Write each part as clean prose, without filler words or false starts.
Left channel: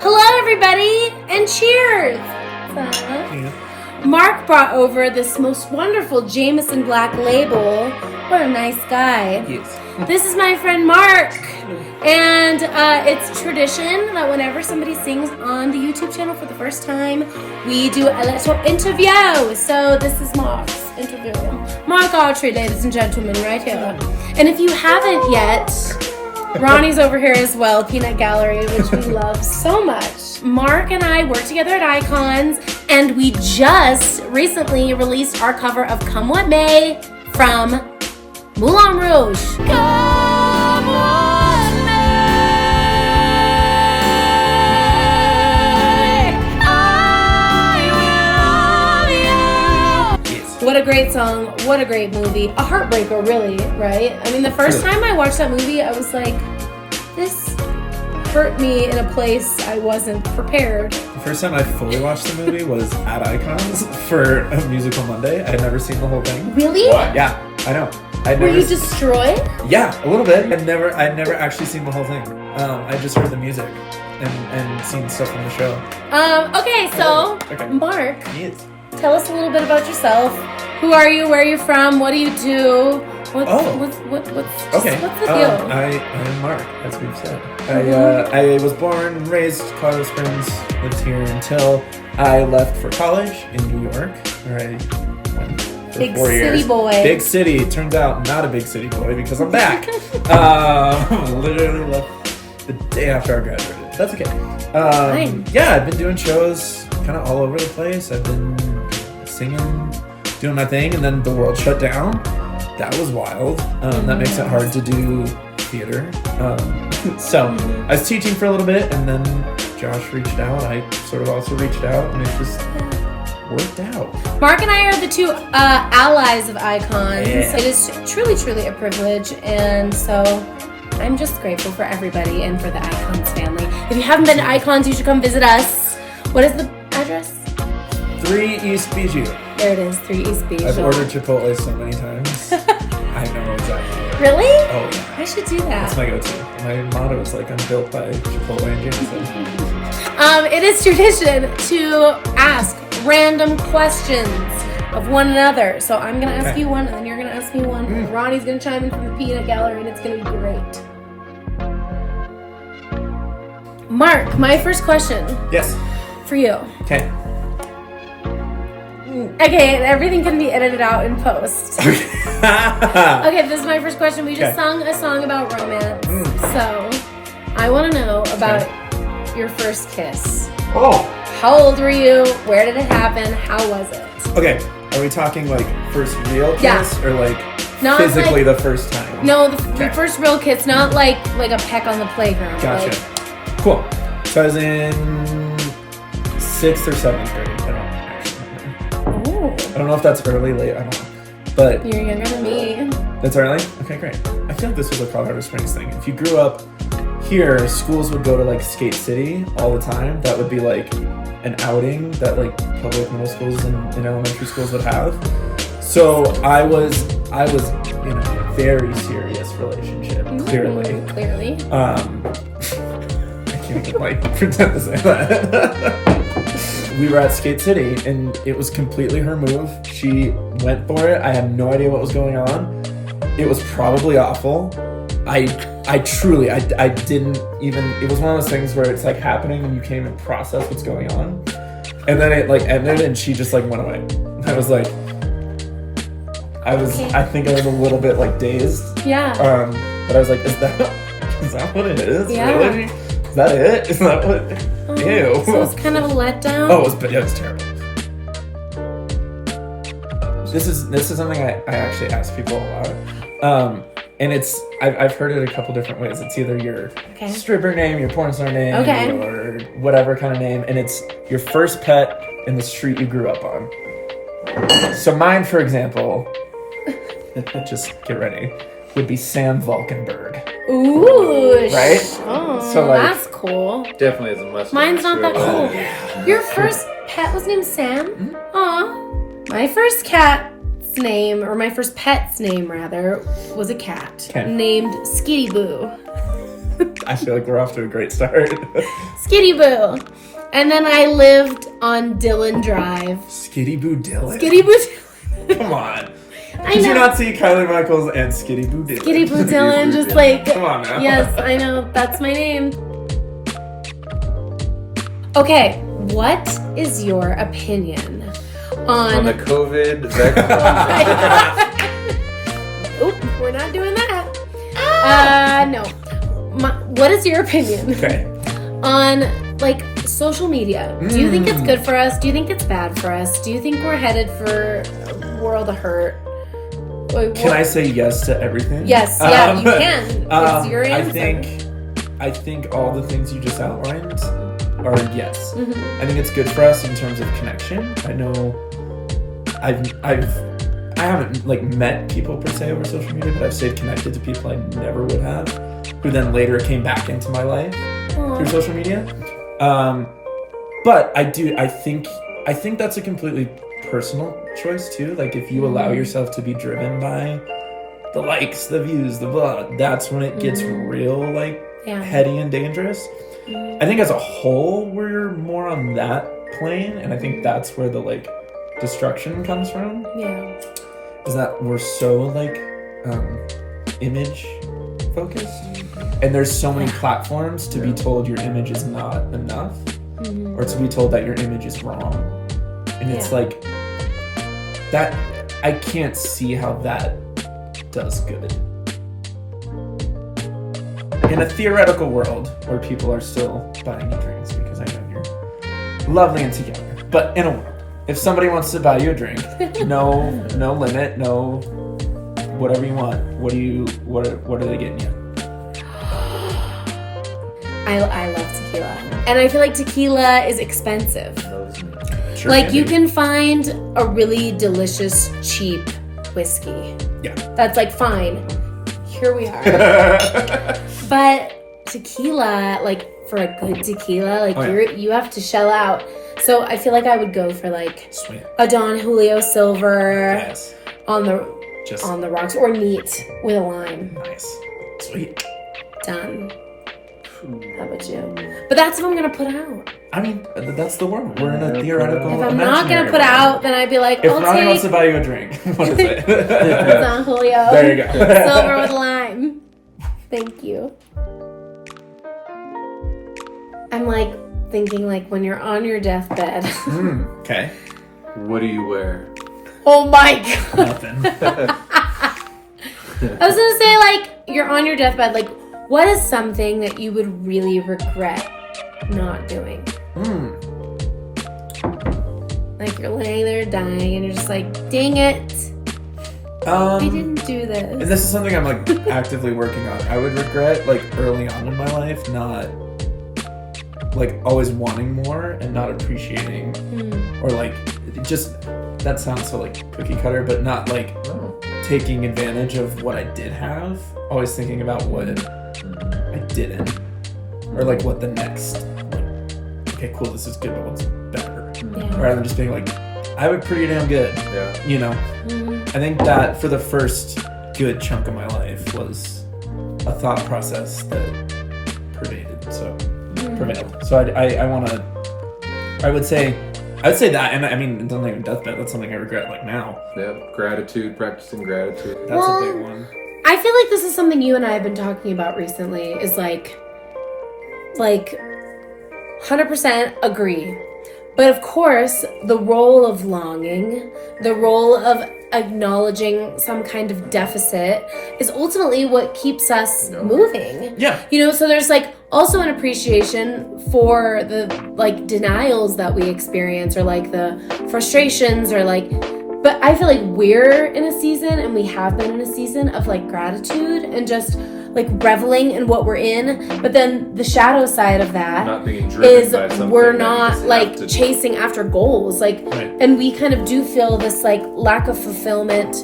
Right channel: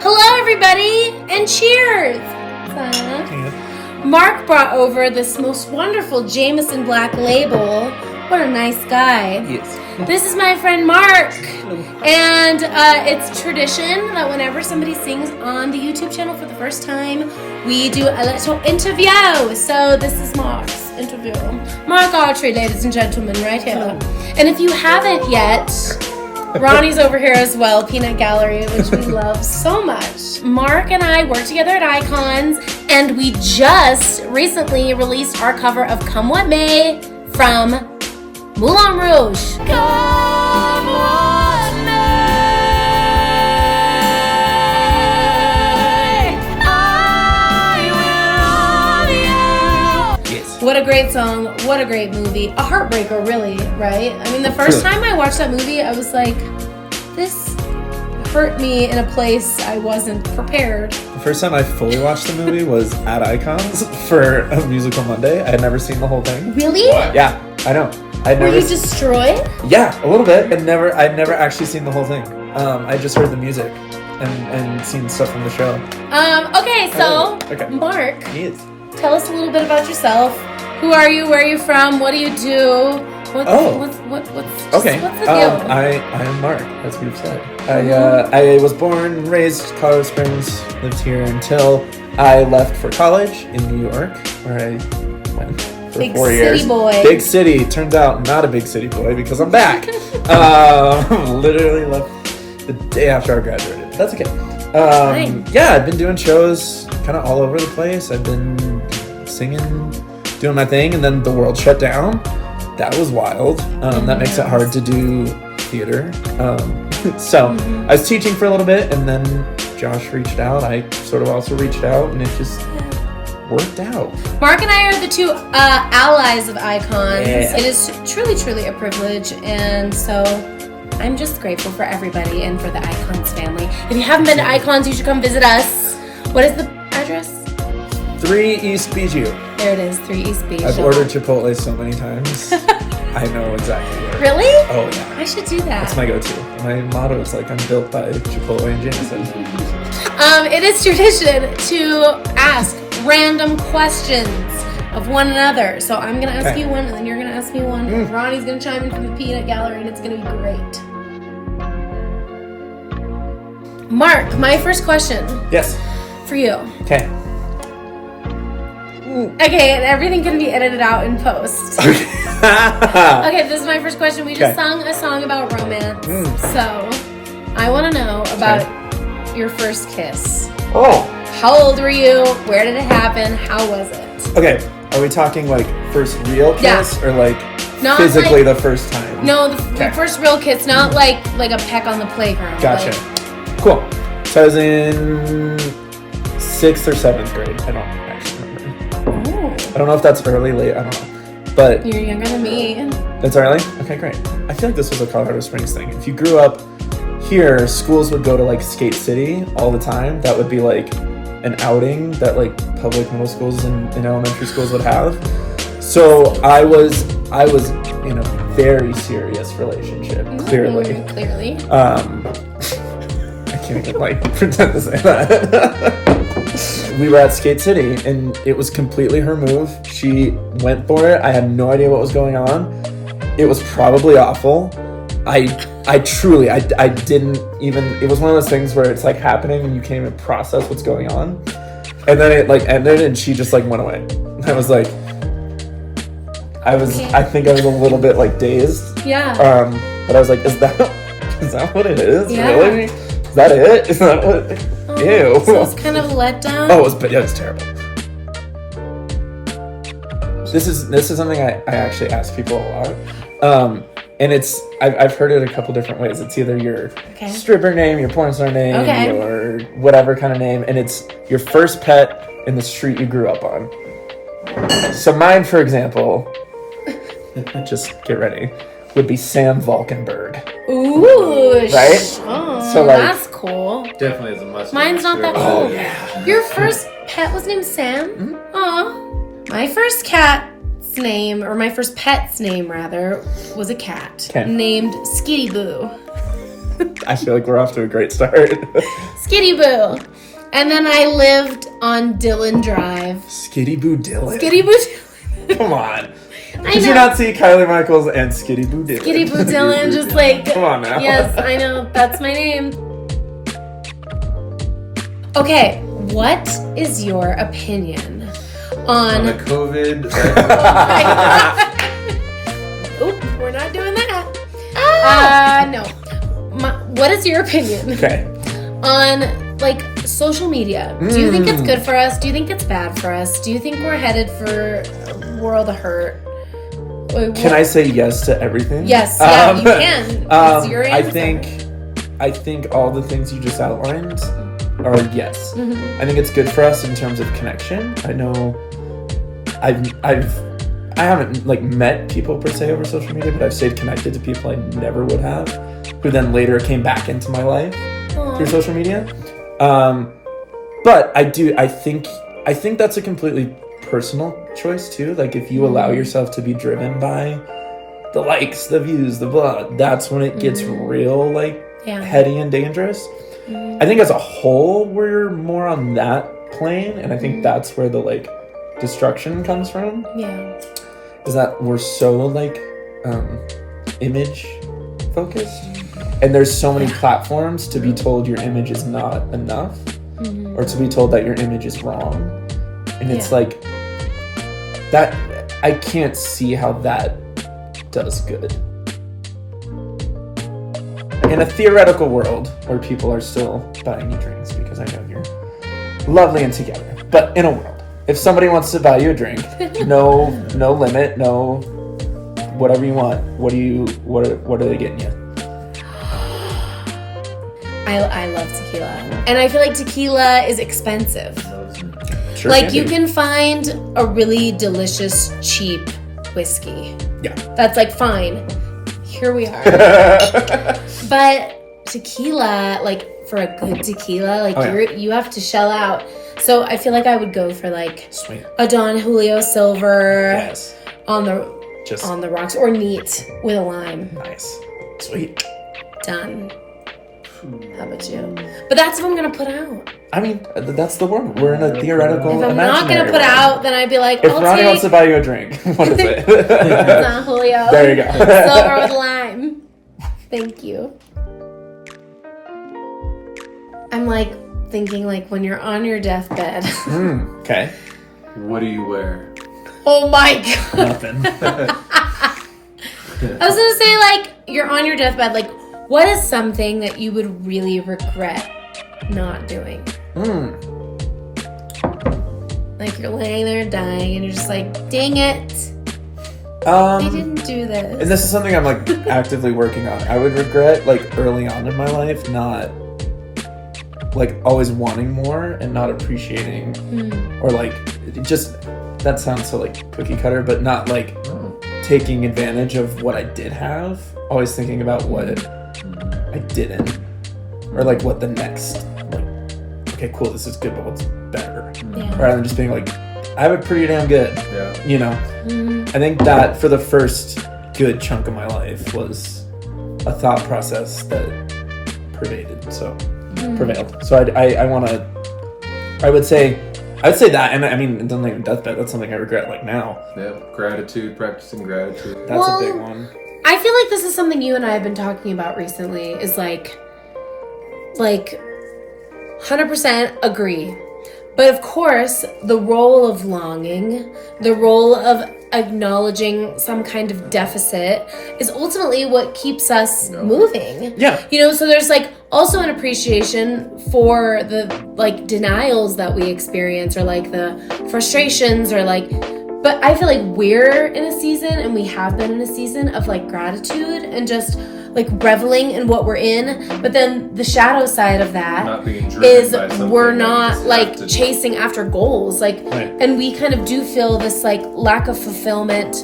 Hello, everybody, and cheers! Mark brought over this most wonderful Jameson Black Label. What a nice guy. Yes. This is my friend Mark, and it's tradition that whenever somebody sings on the YouTube channel for the first time, we do a little interview. So this is Mark's interview. Mark Autry, ladies and gentlemen, right here. And if you haven't yet, Ronnie's over here as well, Peanut Gallery, which we love so much. Mark and I work together at Icons, and we just recently released our cover of Come What May from Moulin Rouge. Come what may, I will love you. What a great song. What a great movie. A heartbreaker, really, right? I mean, the first time I watched that movie, I was like, this hurt me in a place I wasn't prepared. The first time I fully watched the movie was at Icons for a Musical Monday. I had never seen the whole thing. Really? Yeah, I know. Were you destroyed? Yeah, a little bit. I'd never actually seen the whole thing. I just heard the music and seen stuff from the show. Okay, so Okay. Mark, Yes. tell us a little bit about yourself. Who are you? Where are you from? What do you do? What's Okay. What's the deal? I'm Mark, as we've said. I was born and raised Colorado Springs, lived here until I left for college in New York, where I went for Big 4 years. city boy. Big city. Turns out not a big city boy because I'm back. Literally left the day after I graduated. That's okay. Fine. Yeah, I've been doing shows kind of all over the place. I've been singing, doing my thing, and then the world shut down. That was wild. That makes it hard to do theater. So I was teaching for a little bit, and then Josh reached out. I sort of also reached out, and it just worked out. Mark and I are the two allies of Icons. Yeah. It is truly, truly a privilege, and so I'm just grateful for everybody and for the Icons family. If you haven't been to Icons, you should come visit us. What is the address? 3 East Bijou. There it is, 3 East Bijou. I've ordered Chipotle so many times. I know exactly where. Really? Oh, yeah. I should do that. That's my go-to. My motto is like, I'm built by Chipotle and Jameson. It is tradition to ask random questions of one another. So I'm going to ask you one, and then you're going to ask me one. And Ronnie's going to chime in from the Peanut Gallery, and it's going to be great. Mark, my first question. Yes. For you. Okay. Okay, and everything can be edited out in post. Okay, this is my first question. We just sung a song about romance. So, I want to know about your first kiss. Oh. How old were you? Where did it happen? How was it? Okay, are we talking like first real kiss or like Not physically like- the first time? No, the first real kiss, not like a peck on the playground. Gotcha. Like, Cool. So I was in 6th or 7th grade. I don't actually remember. I don't know if that's early, late. I don't know. But you're younger than me. it's early? Okay, great. I feel like this was a Colorado Springs thing. If you grew up here, schools would go to like Skate City all the time. That would be like an outing that like public middle schools and elementary schools would have. So I was in a very serious relationship, clearly. Clearly. I can't like pretend to say that. We were at Skate City, and it was completely her move. She went for it. I had no idea what was going on. It was probably awful. I truly didn't even, it was one of those things where it's like happening and you can't even process what's going on. And then it like ended and she just like went away. I was like, I think I was a little bit like dazed. Yeah. But I was like, is that what it is? Yeah. Really? Is that it? Is that what? Ew. So it's kind of a letdown. Oh, it was terrible. This is something I actually ask people a lot. And I've heard it a couple different ways. It's either your stripper name, your porn star name, or whatever kind of name, and it's your first pet in the street you grew up on. So mine, for example, just get ready, would be Sam Valkenburg. Ooh, right? Oh, So, like, that's cool. Definitely isn't much. Mine's not that cool. yeah. Your first pet was named Sam? Mm-hmm. Aw. My first cat's name, or my first pet's name rather, was a cat named Skitty Boo. I feel like we're off to a great start. Skitty Boo. And then I lived on Dillon Drive. Skitty Boo Dillon? Skitty Boo Dillon. Come on. I Did know. you not see Kylie Michaels and Skitty Boo Dillon? Skitty Boo Dillon, just like... Come on now. Yes, I know. That's my name. Okay, what is your opinion on... the COVID. Oop, we're not doing that. No. What is your opinion Okay. on, like, social media? Do you think it's good for us? Do you think it's bad for us? Do you think we're headed for a world of hurt? Can I say yes to everything? Yes, yeah, you can. It's your answer. I think all the things you just outlined are yes. Mm-hmm. I think it's good for us in terms of connection. I know I haven't like met people per se over social media, but I've stayed connected to people I never would have, who then later came back into my life through social media. But I think that's a completely personal choice too. Like if you allow yourself to be driven by the likes, the views, the blah, that's when it gets real like heady and dangerous. I think as a whole we're more on that plane, and I think that's where the like destruction comes from. Yeah. Is that we're so like image focused, and there's so many platforms to be told your image is not enough, or to be told that your image is wrong, and it's like that. I can't see how that does good in a theoretical world where people are still buying you drinks, because I know you're lovely and together, but in a world, if somebody wants to buy you a drink, no limit, no whatever you want, what are they getting you? I love tequila. And I feel like tequila is expensive. Sure like you can find a really delicious, cheap whiskey. Yeah. That's like fine. Here we are. But tequila, like for a good tequila, like you have to shell out. So I feel like I would go for like Sweet. a Don Julio Silver Yes. on the rocks, or neat with a lime. Nice. Sweet. Done. How about you? But that's what I'm gonna put out. I mean, that's the word. We're in a theoretical. If I'm not gonna imaginary put world. out, then I'd be like, If I'll Ronnie wants take to buy you a drink, what is it? Don Julio. There you go. Silver with lime. Thank you. I'm like thinking like when you're on your deathbed. Okay. What do you wear? Oh my god. Nothing. I was gonna say like you're on your deathbed. Like what is something that you would really regret not doing? Like you're laying there dying and you're just like, dang it. I didn't do this. And this is something I'm like actively working on. I would regret like early on in my life not like always wanting more and not appreciating or like just that sounds so like cookie cutter, but not like taking advantage of what I did have. Always thinking about what I didn't, or like what the next. Like, okay, cool, this is good, but what's better? Rather than just being like, I have it pretty damn good. Yeah. You know. I think that for the first good chunk of my life was a thought process that prevailed. So I would say that, and I mean, it doesn't even deathbed. That's something I regret like now. Yeah, gratitude, practicing gratitude. That's a big one. I feel like this is something you and I have been talking about recently, is like 100% agree. But of course, the role of longing, the role of acknowledging some kind of deficit is ultimately what keeps us moving. Yeah. You know, so there's like also an appreciation for the like denials that we experience, or like the frustrations, or like, but I feel like we're in a season, and we have been in a season of like gratitude and just like reveling in what we're in. But then the shadow side of that is we're not like chasing after goals, like, and we kind of do feel this like lack of fulfillment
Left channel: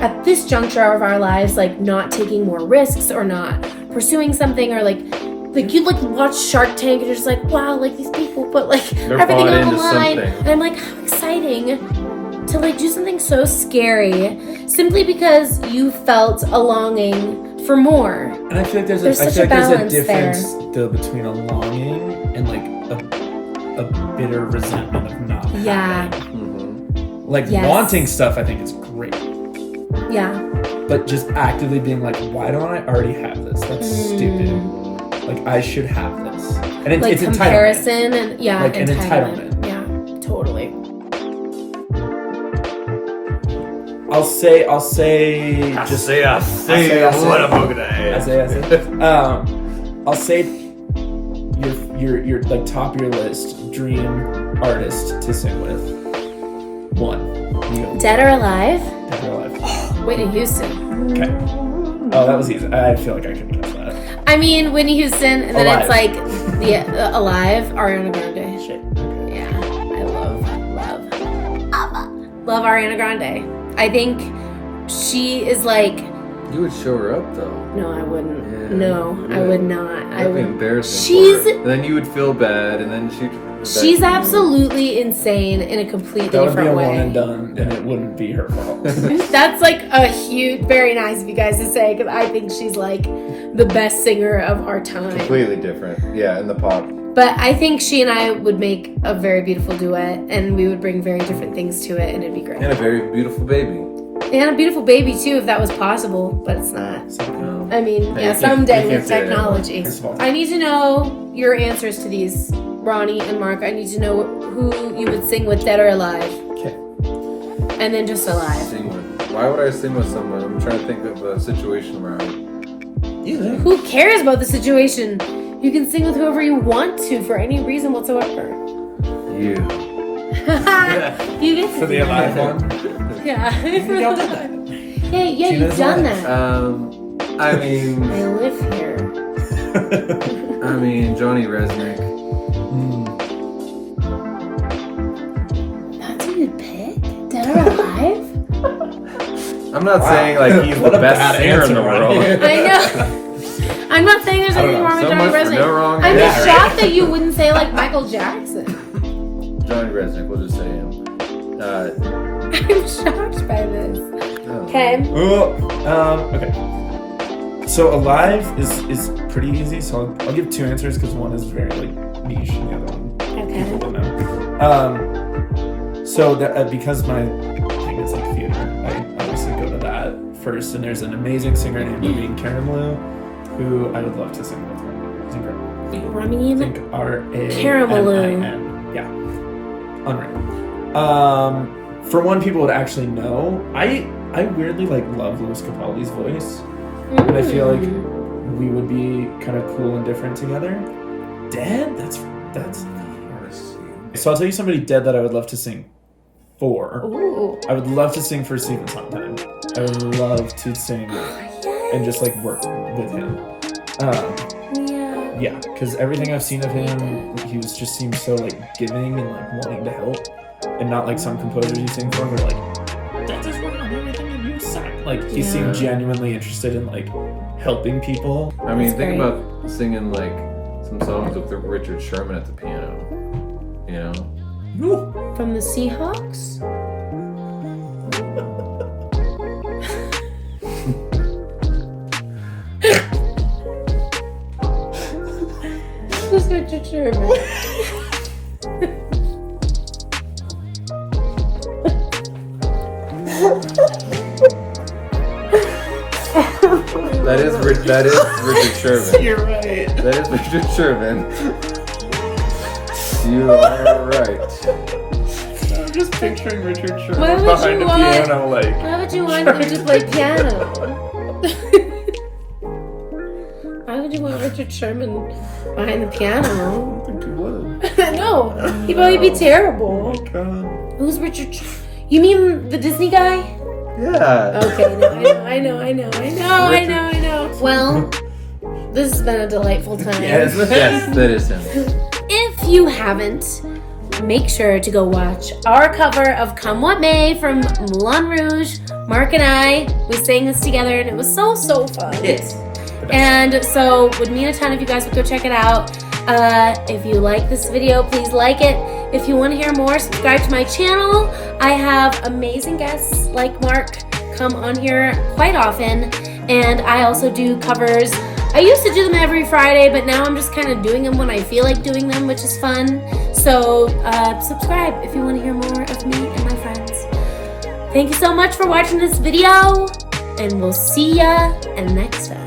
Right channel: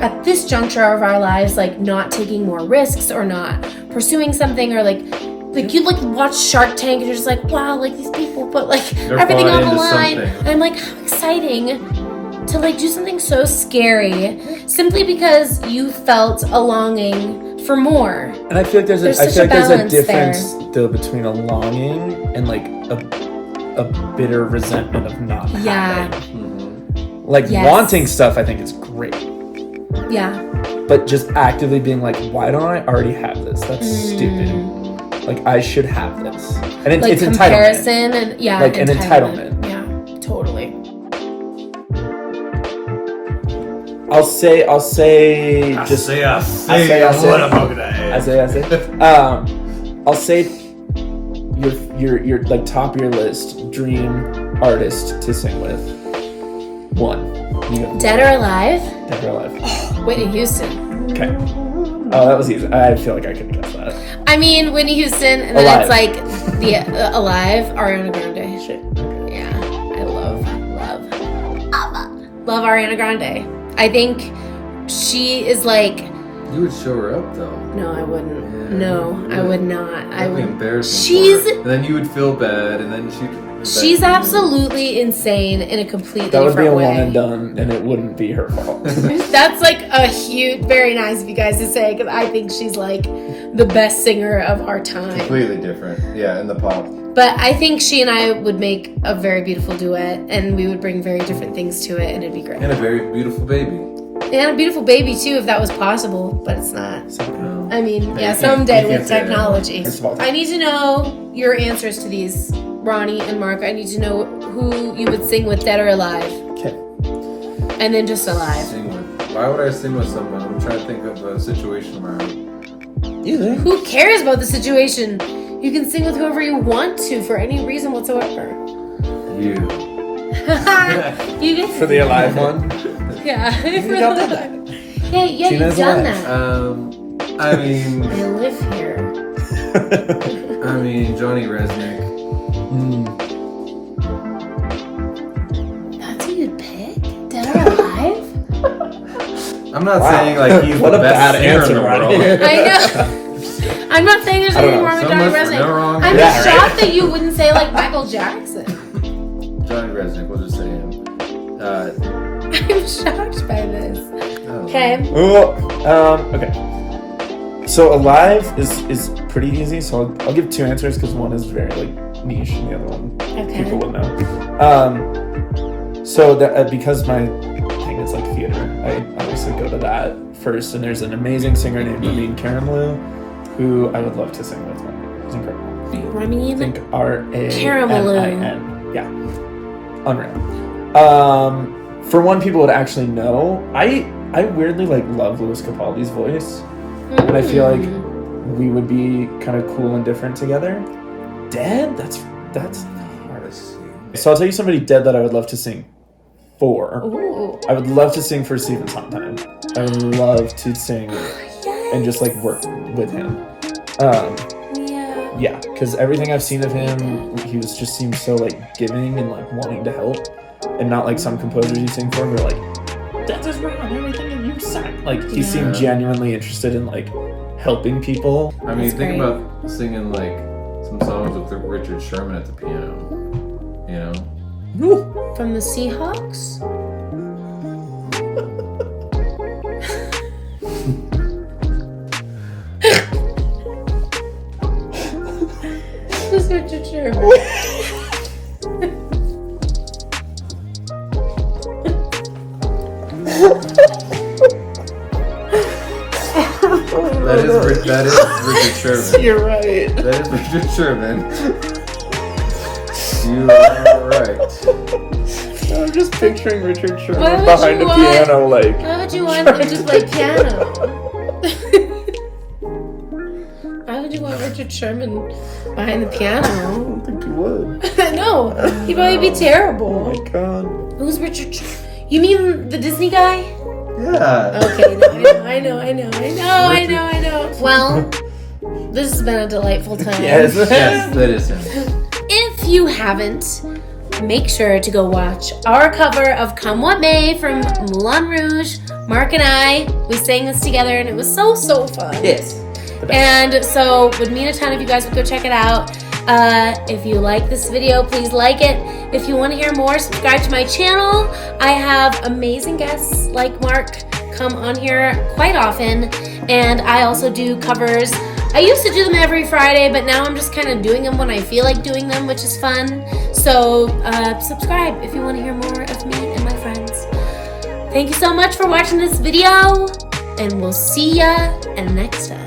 at this juncture of our lives, like not taking more risks or not pursuing something, or like you like watch Shark Tank and you're just like, wow, like these people put like everything on the line, and I'm like, how exciting to like do something so scary simply because you felt a longing for more. And I feel like There's I such feel a like there's a balance difference though between a longing and like a bitter resentment of not Yeah. having. Like Yes. wanting stuff, I think is great, Yeah. but just actively being like, why don't I already have this? That's stupid. Like I should have this, and Like it's comparison and yeah, Like an entitlement. Yeah, totally. I'll say I say. I'll say your like top of your list dream artist to sing with. One. Dead or alive? Dead or alive. Whitney Houston. Okay. Oh, that was easy. I feel like I could guess that. I mean, Whitney Houston, and then Alive. it's like the Alive, Ariana Grande. Shit. Yeah, I love Ariana Grande. I think she is like. You would show her up though. No, I wouldn't. Yeah. No, I would not. I That'd be would. embarrassing. She's- for her. And then you would feel bad, and then She's absolutely insane in a completely That would be different a way. one and done, and it wouldn't be her fault. That's like a huge, very nice of you guys to say, because I think she's like the best singer of our time. completely different. Yeah, in the pop. But I think she and I would make a very beautiful duet, and we would bring very different things to it, and it'd be great. And a very beautiful baby. And a beautiful baby too, if that was possible, but it's not. I mean, Yeah, yeah, you someday can't with say that. technology. First of all- I need to know your answers to these, Ronnie and Mark. I need to know who you would sing with, Dead or Alive, Okay. and then just Alive. Sing with. Why would I sing with someone? I'm trying to think of a situation where Either. Who cares about the situation? You can sing with whoever you want to for any reason whatsoever. you. You get to For the do alive that. one. Yeah, for the alive. Yeah, She you've knows done that. that. I mean, I live here. Johnny Resnick. That's who you'd pick? Dead or alive? I'm not Wow. saying like he's What the a best bad singer in answer, the world. Ronnie. I know. I'm not saying there's I don't anything know. wrong with Johnny Someone- Resnick. no wrong. I'm Yeah, just right. shocked that you wouldn't say like Michael Jackson. Johnny Resnick, we'll just say him. I'm shocked by this. Okay. Okay. So alive is pretty easy. So I'll give two answers because one is very like niche, and the other one people Okay. would know. So that because my thing is like theater, I obviously go to that first. And there's an amazing singer named Ramin Karimloo who I would love to sing with. It's incredible. I Ramin think Karimloo. Yeah, unreal. For one, people would actually know. I weirdly like love Louis Capaldi's voice, and I feel like we would be kind of cool and different together. Dead? That's. So I'll tell you somebody dead that I would love to sing for. Ooh. I would love to sing for Stephen Sondheim. I would love to sing and just like work with him. Yeah. Yeah, because everything I've seen of him, he was just seems so like giving and like wanting to help, and not like some composers you sing for. They're like, that is wrong, everything that you sang. Like he seemed genuinely interested in like helping people. I mean, That's think great. about singing like some songs with Richard Sherman at the piano. You know? From the Seahawks? Who's Richard Sherman? That is Richard Sherman. You're right. That is Richard Sherman. You are right. I'm just picturing Richard Sherman Why would behind you the want- piano, like. Why would you want him to play piano? Why would you want Richard Sherman behind the piano? I don't think you would. No, he'd probably be Oh terrible. my god. Who's Richard? You mean the Disney guy? Yeah. Okay, no, I know. Well, this has been a delightful time. Yes. Yes, that is him. If you haven't, make sure to go watch our cover of Come What May from Moulin Rouge. Mark and I, we sang this together and it was so fun. Yes. And so would mean a ton if you guys would go check it out. If you like this video, please like it. If you want to hear more, subscribe to my channel. I have amazing guests like Mark come on here quite often. And I also do covers. I used to do them every Friday, but now I'm just kind of doing them when I feel like doing them, which is fun. So subscribe if you want to hear more of me and my friends. Thank you so much for watching this video, and we'll see ya next time.